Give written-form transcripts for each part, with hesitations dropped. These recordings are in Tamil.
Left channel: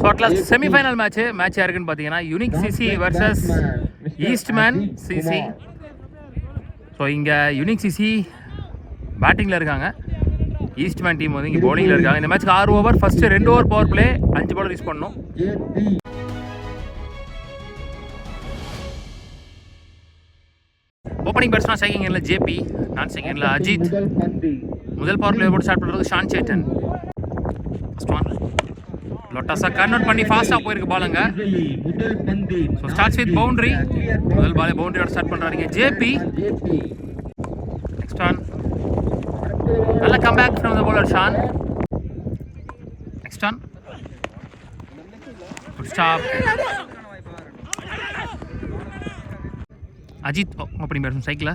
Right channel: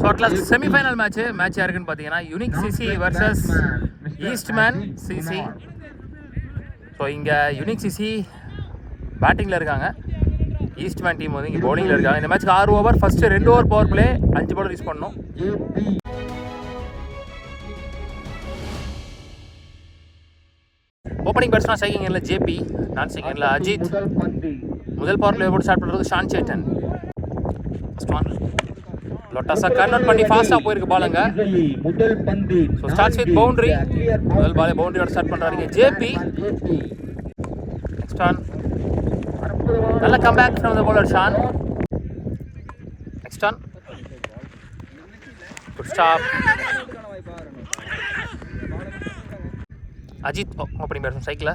ஸோ அட்லாஸ்ட் செமிஃபைனல் மேட்ச் யாருக்குன்னு பார்த்தீங்கன்னா unique CC versus Eastman CC. So இங்கே யூனிக் சிசி பேட்டிங்கில் இருக்காங்க, ஈஸ்ட்மேன் டீம் வந்து இங்கே பவுலிங்கில் இருக்காங்க. இந்த மேட்ச்க்கு 6 over, first 2 over power play, 5 ball use பண்ணணும். ஓப்பனிங் பேட்ஸ்மேன் ஸ்ட்ரைக்கிங் எண்ணில் ஜேபி, நான் ஸ்ட்ரைக்கிங் எண்ணில் அஜித். முதல் பவர் பிளே போட்டு ஸ்டார்ட் பண்ணுறது ஷான் சேட்டன். லொட்டாஸா கன்வெர்ட் பண்ணி ஃபாஸ்ட்டாக போயிருக்கு பாலுங்க. So starts with boundary. முதல் பாலே பவுண்டரியோட ஸ்டார்ட் பண்ணுறாங்க ஜேபி. நெக்ஸ்ட் ஆன் நல்ல comeback from the bowler Shaan. Next one good stop. Ajith opening batsman சைக்கிள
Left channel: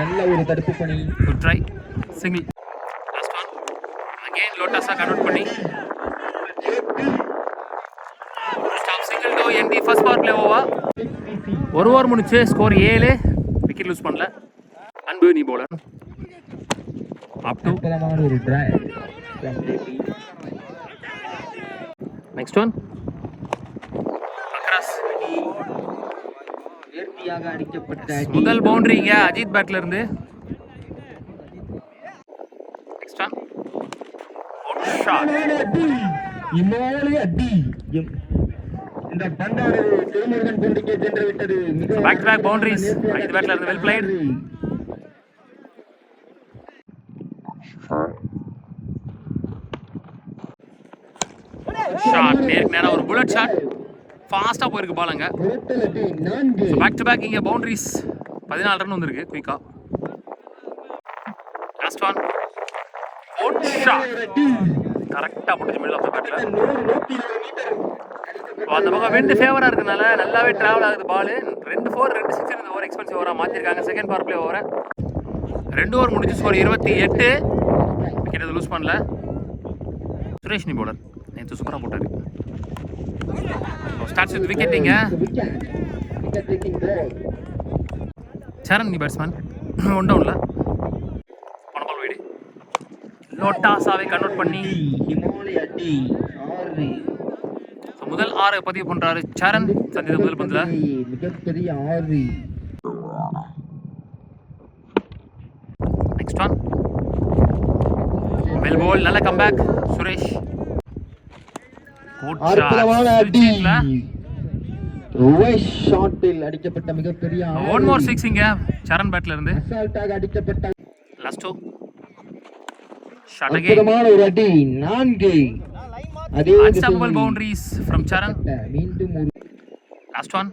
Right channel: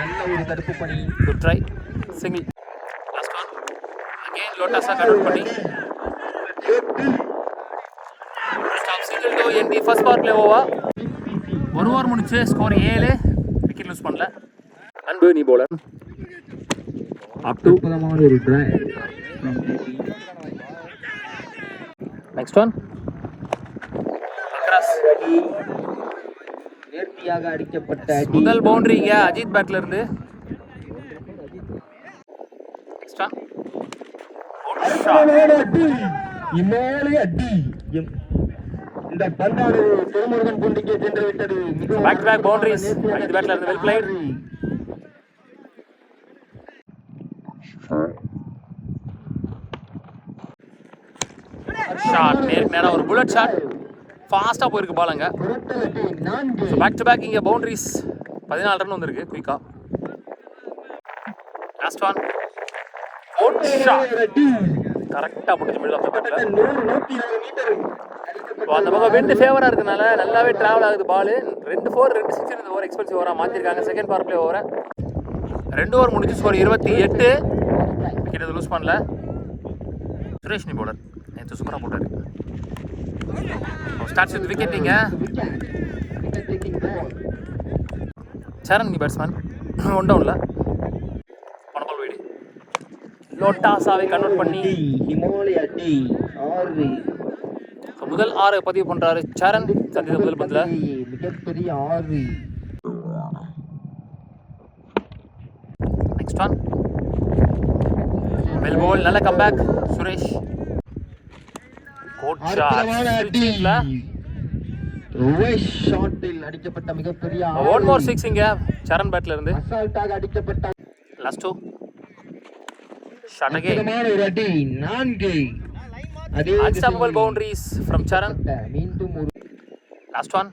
நல்ல ஒரு தடுப்பு பணி. Good try single. Last one again லோட்டாஸா கன்வெர்ட் பண்ணி stop single to end the first power play over. ஒரு ஓவர் முடிச்சு ஸ்கோர் 7, விக்கெட் லூஸ் பண்ணல. அன்பு நீ பவுலர் அப் டு ஒரு ட்ரை. நெக்ஸ்ட் ஒன் முதல் பவுண்டரிங்க அஜித் பேட்ல இருந்து. Back to back boundaries Ajith பேட்ல இருந்து. Well plate. ஷாட் நேருக்கு நேரா ஒரு புல்லட் ஷாட், ஃபாஸ்ட்டாக போயிருக்கு பாலுங்க. பேக் டு பேக் இங்கே பவுண்டரிஸ் 14 ரன் வந்திருக்கு குயிக்காக. லாஸ்ட் ஒன் குட் ஷாட், கரெக்டாக போட்டுச்சு மிடில் ஆஃப் த பேட்டில். அந்த பக்கம் விண்டு ஃபேவராக இருக்கனால நல்லாவே ட்ராவல் ஆகுது பால். 2 4 2 6 இந்த ஓவர் எக்ஸ்பென்சிவ் ஓவராக மாற்றிருக்காங்க. செகண்ட் பவர் பிளே ஓவரை 2 ஓவர் முடிஞ்சு ஸ்கோர் 28, விக்கெட் எதுவும் லூஸ் பண்ணல. சுரேஷ் நீ பவுலர் நேற்று சூப்பராக போட்டாரு. Starts with விக்கெட்டிங்க. சரண் நீ பேட்ஸ்மேன், ஒன் டவுன்ல போன பால் வைடு. லோட்டாஸாவை கன்வெர்ட் பண்ணி முதல் 6 பதிவு பண்றாரு சரண். சந்தித்த முதல் பந்துல நெக்ஸ்ட் ஒன் வெல் பால், நல்ல கம்பேக் சுரேஷ். அடிக்கப்பட்ட மிகப்பெரிய ஒன் மோர் 6 இங்க சரண் பேட்ல இருந்து. லாஸ்ட் ஷாட் அகைன் ஒரு அடி 4. அதே unstoppable boundaries from Saran. Last one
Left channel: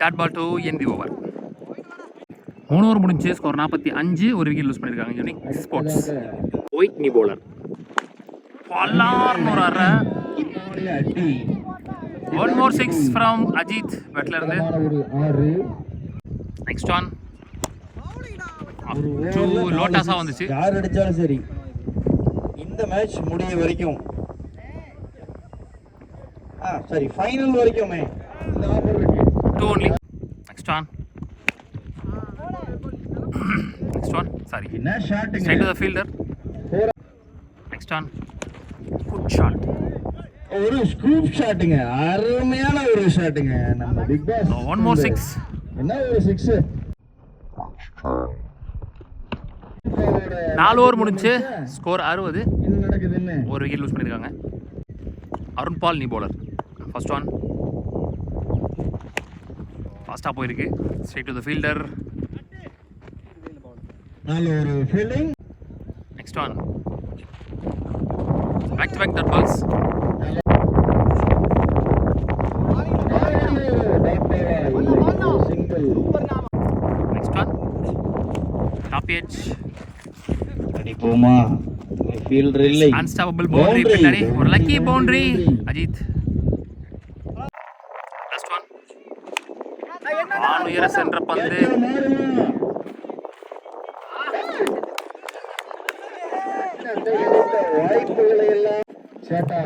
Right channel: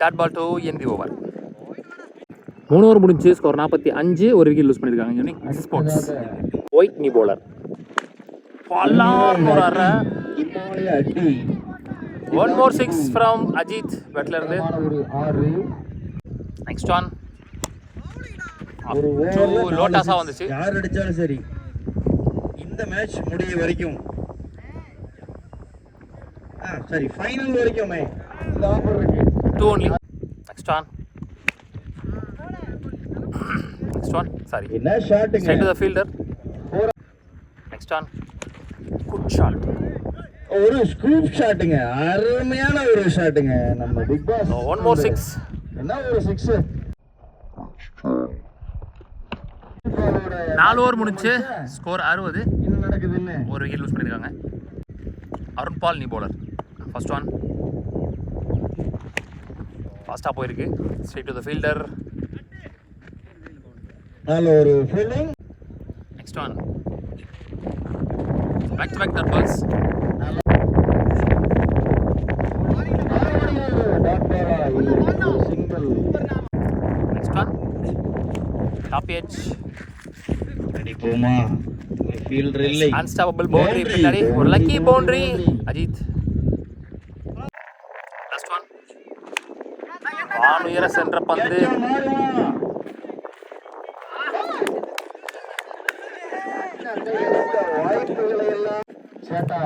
dot ball to end the over. 3 over முடிஞ்சு ஸ்கோர் 45, ஒரு விக்கெட் லூஸ் பண்ணிருக்காங்க யூனிக் ஸ்போர்ட்ஸ். ஒயிட் நீ பவுலர் பல்லார்னு ஒரு அரை. 1 more 6 from அஜித் பேட்ல இருந்து. நெக்ஸ்ட் ஒன் லோட்டாஸா வந்துச்சு. யார் அடிச்சாலும் சரி இந்த மேட்ச் முடிய வரைக்கும், சரி ஃபைனல் வரைக்கும் இந்த ஆஃபர் இருக்கு. 2 only. நெக்ஸ்ட் ஒன் சாரி என்ன ஷாட்டுங்க side the fielder. Next one good shot, ஒரு ஸ்கூப் ஷாட்டுங்க, அருமையான ஒரு ஷாட்டுங்க நம்ம பிக் பாஸ். 1 more 6. என்ன ஒரு 6. 4 ஓவர் முடிஞ்சு ஸ்கோர் 60, என்ன நடக்குதுன்னு ஒரு விக்கெட் லூஸ் பண்ணிருக்காங்க. அருண் பால் நீ பவுலர். ஃபர்ஸ்ட் ஒன் ஃபாஸ்டா போயிருக்கு ஸ்ட்ரைட் டு தி ஃபீல்டர். நல்ல ஒரு fielding. Next one back to back that balls. Next one top edge ready poma fielder illai unstoppable boundary pinnadi or lucky boundary Ajit. Last one vaanu era center pandu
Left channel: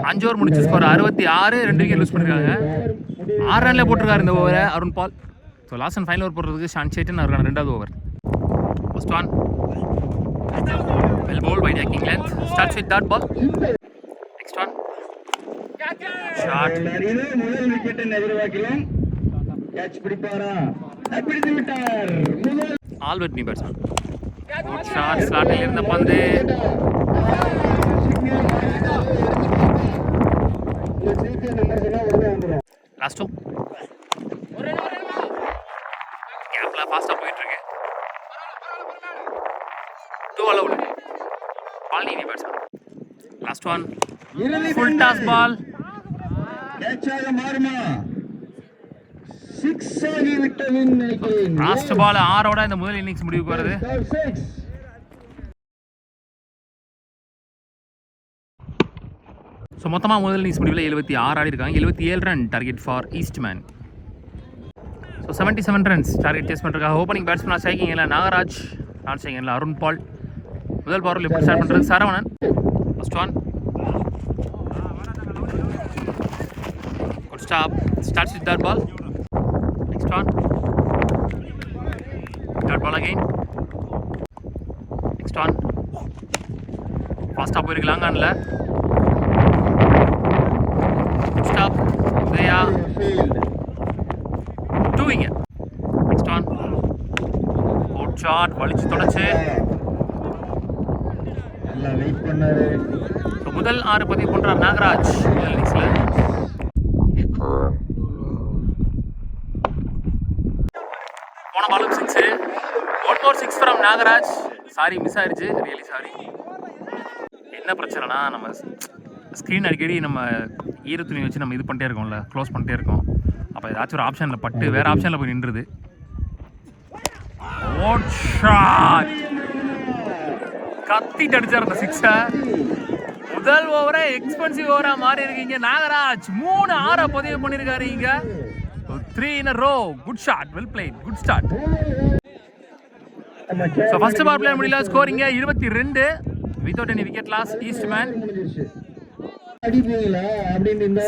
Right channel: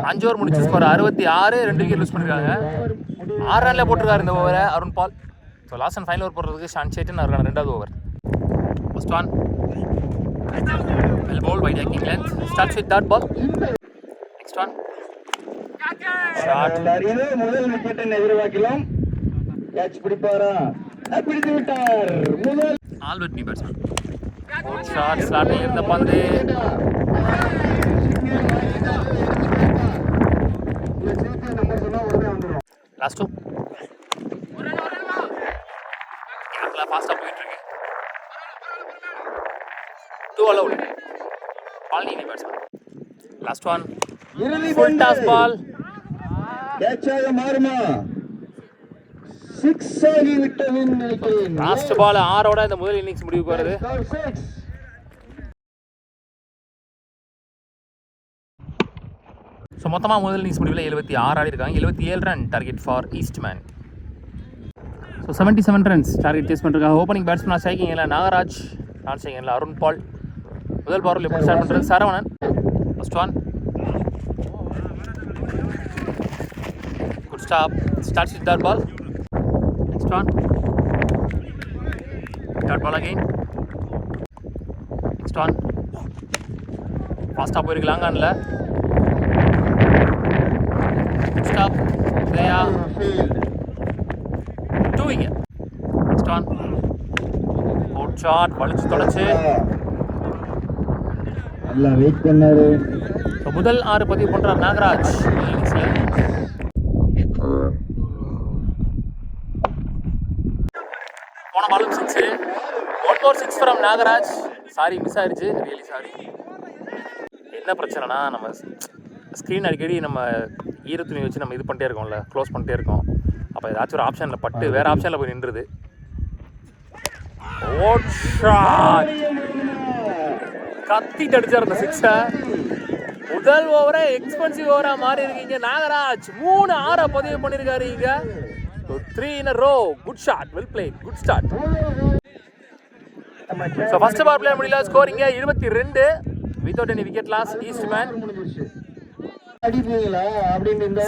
5 over முடிச்சு ஸ்கோர் 66, 2 விக்கெட் லூஸ் பண்ணிருக்காங்க. 6 ரன்ல போட்டிருக்காரு இந்த ஓவரை Arun Paul. So last and final over போடுறதுக்கு ஷான் சேட்டன் இருக்காங்க 2வது ஓவர். First one Well ball by taking length. Starts with that ball. Next one. Shot. முதல் விக்கெட்டை எதிர்பார்க்கலாம். கேட்ச் பிடிப்பாரா? பிடித்து விட்டார். முதல் All with me batsman. Shot. ஸ்லாட்டில் இருந்த பந்து. Last two. கேப்ல ஃபாஸ்டா போயிட்டு இருக்கு. 2 allowed. Palnini batsman. Last one. Full toss ball. Catch ஆக மாறுமா? 6 ஆகி விட்டது இன்னைக்கு. லாஸ்ட் பால் 6 ஓட இந்த முதல் இன்னிங்ஸ் முடிவுக்கு வருது. ஸோ மொத்தமாக முதல் இன்னிங்ஸ் முடிவில் 76 ஆடி இருக்காங்க. 77 run target for Eastman. So 77 runs target chase பண்ணிருக்காங்க. ஓப்பனிங் பேட்ஸ்மேனாக ஸ்ட்ரைக்கிங்கில் நாகராஜ், நான் ஸ்ட்ரைக்கிங்கில் அருண் பால். முதல் பவரில் எப்படி ஸ்டார்ட் பண்ணுறது Saravanan. First one good stop. Starts with dot ball. Next one dot ball again. Next one ஃபாஸ்ட்டாக போயிருக்கு லாங்கானில். ஸ்டாப் தயா 2 இங்க. நெக்ஸ்ட் ஒன் குட் ஷாட் வலிச்சு தொடச்சு. நல்லா வெயிட் பண்ணாரு. ஸோ முதல் 6 பதிவு பண்ணுறார் நாகராஜ் முதல் இன்னிங்ஸில். போன பாலும் 6. 1 more 6 from Nagaraj. Sorry miss ஆயிடுச்சு, ரியலி சாரி. என்ன பிரச்சனைனா நம்ம ஸ்க்ரீன் அடிக்கடி நம்ம ஈரத்துணி வச்சு நம்ம இது பண்ணிட்டே இருக்கோம்ல, க்ளோஸ் பண்ணிட்டே இருக்கோம். அப்போ ஏதாச்சும் ஒரு ஆப்ஷனில் பட்டு வேறு ஆப்ஷனில் போய் நின்றுது. ஓட் ஷாட் கத்திட்டு அடிச்சார் அந்த 6. முதல் ஓவரே எக்ஸ்பென்சிவ் ஓவராக மாறி இருக்கீங்க நாகராஜ். 3 6 பதிவு பண்ணியிருக்காரு இங்க. 3 in a row. Good shot, well played, good start. So first power play முடியல. ஸ்கோரிங்க 22 without any wicket loss Eastman.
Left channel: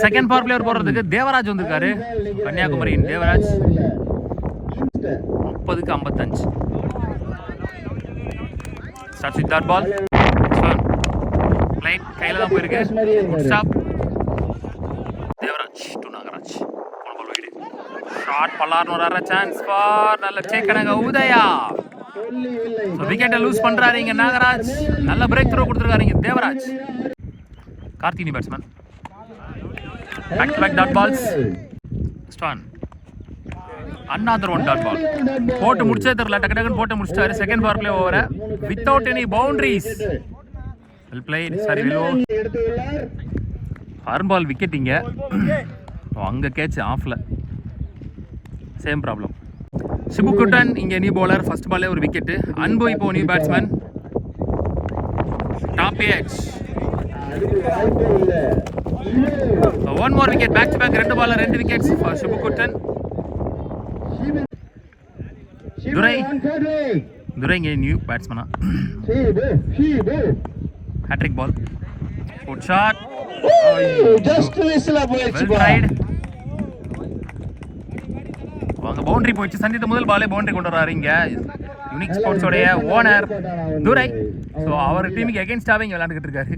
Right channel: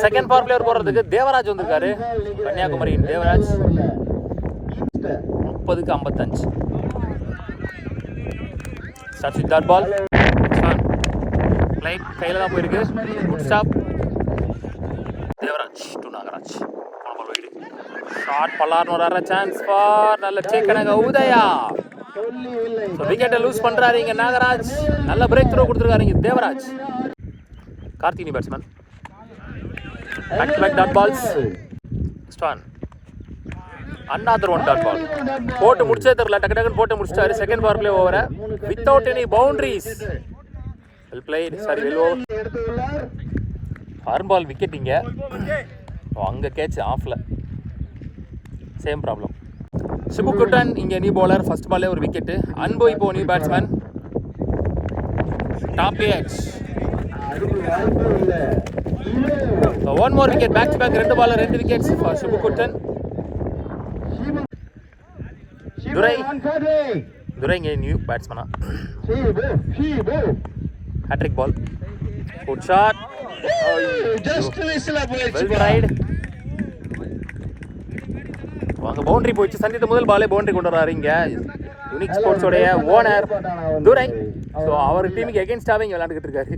Second power player போடுறதுக்கு தேவராஜ் வந்திருக்காரு, கன்னியாகுமரியின் தேவராஜ். 30க்கு 55. Starts with dot ball. Flight கையில தான் போயிருக்கு. Good stop. Devaraj to Nagaraj. Ball wide. Shot பல்லார்னு வர சான்ஸ் ஃபார் நல்ல சேக்கனக உதயா. ஸோ விக்கெட்டை லூஸ் பண்றாரு இங்க நாகராஜ். நல்ல பிரேக் த்ரோ கொடுத்துருக்காரு இங்க தேவராஜ். கார்த்தினி batsman. Back to back dot balls. ஸ்டான் another one dot ball. போட்டு முடிச்சே தெரியல, டக்கு டக்குன்னு போட்டு முடிச்சிட்டாரு. செகண்ட் பவர் பிளே ஓவரை without any boundaries. Well played. Sorry well over. ஹார்ன் பால் விக்கெட் இங்க. அங்க கேட்ச் ஆஃப்ல. Same problem. சிபுகுட்டன் இங்க நியூ பவுலர். ஃபர்ஸ்ட் பால்லே ஒரு விக்கெட். அன்பு இப்போ new batsman. Top edge. One more wicket. Back to back 2 பால்ல 2 விக்கெட்ஸ் ஃபார் சிபுகுட்டன். துரை இங்கே நியூ பேட்ஸ்மேனா. Hattrick ball. Good shot. Well tried. அவங்க பவுண்டரி போயிடுச்சு. சந்தித்த முதல் பாலே பவுண்டரி கொண்டு வர்றாரு இங்க யூனிக் ஸ்போர்ட்ஸோடைய ஓனர் துரை. ஸோ அவர் டீமுக்கு எகென்ஸ்டாகவே இங்கே விளையாண்டுக்கிட்டு இருக்காரு.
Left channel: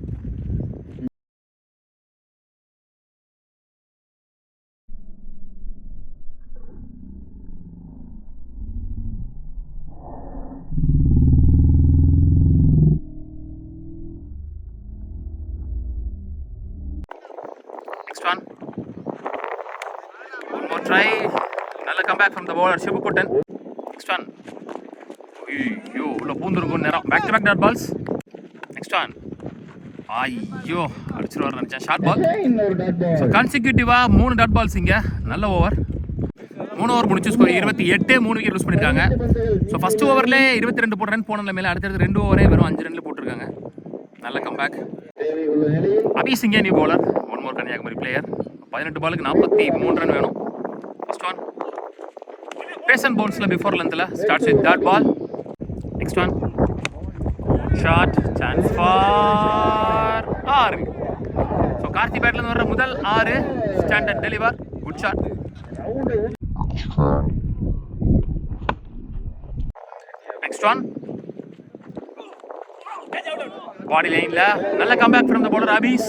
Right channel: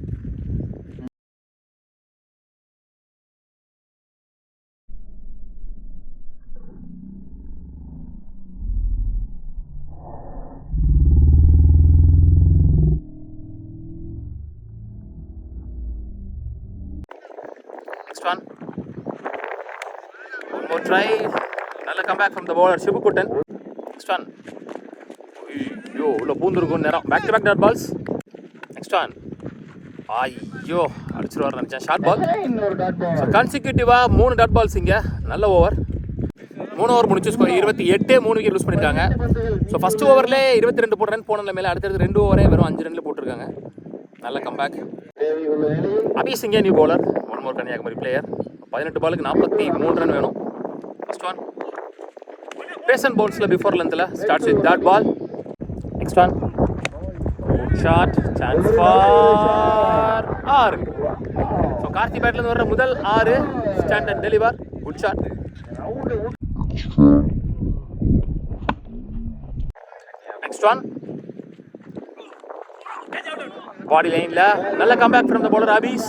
One more try. Another comeback from the bowler Shibukutan. Next one. ஐயோ உள்ள பூந்துருக்கும் நேரம். Back to back dot balls. Next one. ஐயோ அடிச்சுட்டு வர நினச்சேன். Short ball. ஸோ கன்சிக்யூட்டிவாக 3 டாட் பால்ஸ் இங்கே. நல்ல ஓவர். 3 ஓவர் முடிச்சு ஸ்கோர் 28. 3 விக்கெட் லூஸ் பண்ணியிருக்காங்க. ஸோ ஃபர்ஸ்ட் ஓவரில் 22 போட்ட ரன் போன மேலே அடுத்தடுத்து 2 ஓவரே வெறும் 5 ரன்ல போட்டிருக்காங்க. நல்ல கம்பேக். அபீஸ் இங்கே new bowler. One more Kanyakumari player. 18 பாலுக்கு 43 ரன் வேணும். ஃபர்ஸ்ட் ஒன் பேசன் பவுன்ஸில் பிஃபோர் லென்த்தில். Starts with dot ball. Next one shot. Chance for 6. So Karthi பேட்லேருந்து வர்ற முதல் 6 standard deliver. Good shot. Next one body லைன்ல நல்ல கம்பேக் ஃப்ரம் த bowler அபீஸ்.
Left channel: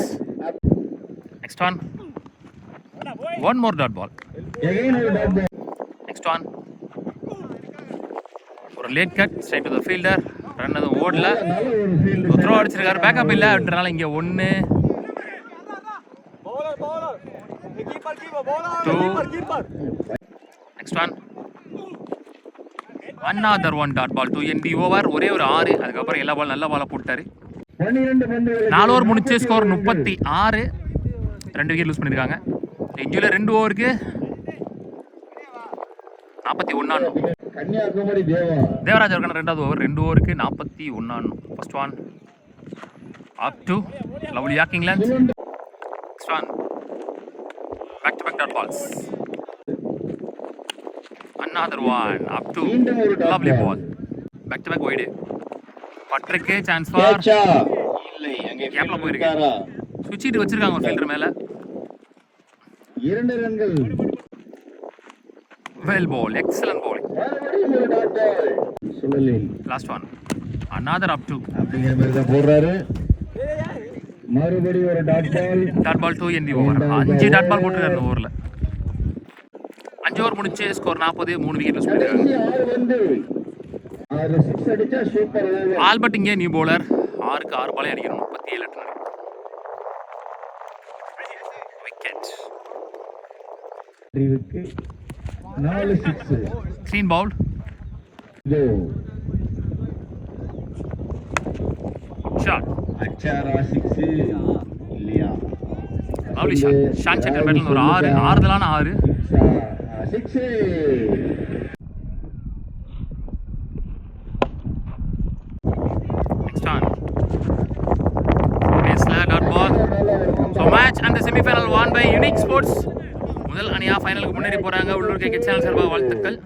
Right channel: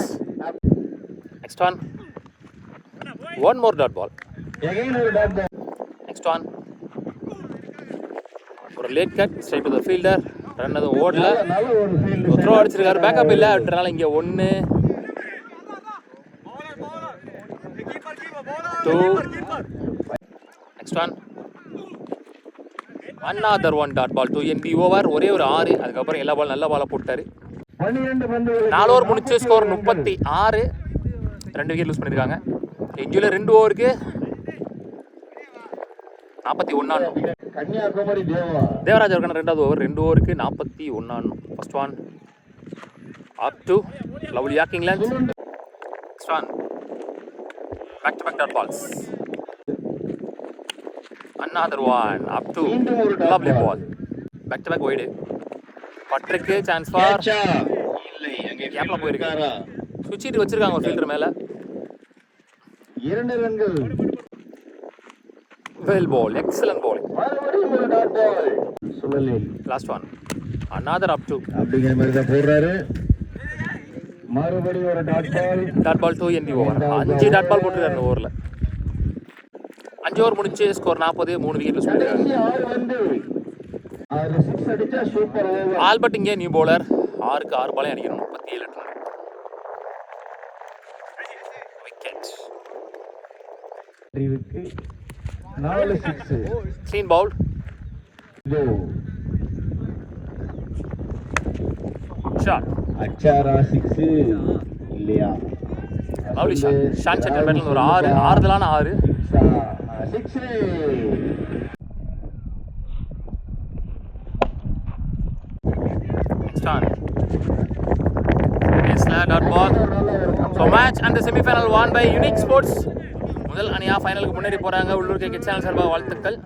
Next one more dot ball. Again ஒரு dot ball. நெக்ஸ்ட் ஒரு late cut straight to the fielder. Run அது ஓடல. நல்ல ஒரு field. த்ரோ அடிச்சிருக்காரு. பேக்கப் இல்ல அப்படினால இங்க 1 2. Next another one dot ball to end the over. ஒரே ஒரு 6. அதுக்கப்புறம் எல்லா பால் நல்ல பாலை போட்டாரு. 12 பந்துகளுக்கு 4 ஓவர் முடிச்சு ஸ்கோர் 36. 2 விக்கெட் லூஸ் பண்ணிருக்காங்க. இன்ஜுரியில் 2 ஓவருக்கு 41 ஆடணும். கன்னியாகுமரி தேவராஜ் இருக்கான 2வது ஓவர் 2 ஓவருக்கு 41 ஆடணும். First one up to lovely yorking length. Next one back to back dot balls. another one up to lovely ball. back to back wide. பட்ருக்கு சான்ஸ் ஃபார் இல்லை அங்கே கேப்ல போயிருக்கு. சுவிட்ச் இட்டு வச்சிருக்காங்க ஒரு ஃபீல்டர் மேல. 2 ரன்கள். well ball, excellent bowling. மறுபடியும் ஒரு டாட் பால். சுழலி last one another up to அப்படிங்கிற மாதிரி தான் போடுறாரு. மறுபடியும் ஒரு dot ball to end the over. 5 dot ball போட்டுருக்காரு இந்த ஓவர்ல. 5 ஓவர் முடிச்சு ஸ்கோர் 40. 3 விக்கெட் லூஸ் பண்ணிருக்காங்க. 6 வந்து 6 6 அடிச்சா சூப்பர் ஓவர். ஆல்பர்ட் இங்கே நியூ பவுலர். 6க்கு 6 பாலே அடிக்கணும். 37 ரன். விக்கெட். ரிவுக்கு 4 6. க்ளீன் பவுல். இது ஷாட். அச்சாரா 6 இல்லையா? Lovely shot. ஷான் சக்கர் பேட்ல ஒரு 6 ஆறுதலான 6. 6. Next on. Dot ball. So match and the semi-final won by Unique Sports. முதல் அணியா ஃபைனலுக்கு முன்னேறி போறாங்க. உள்ளூர் கிரிக்கெட் சேனல் சார்பாக வாழ்த்துக்கள்.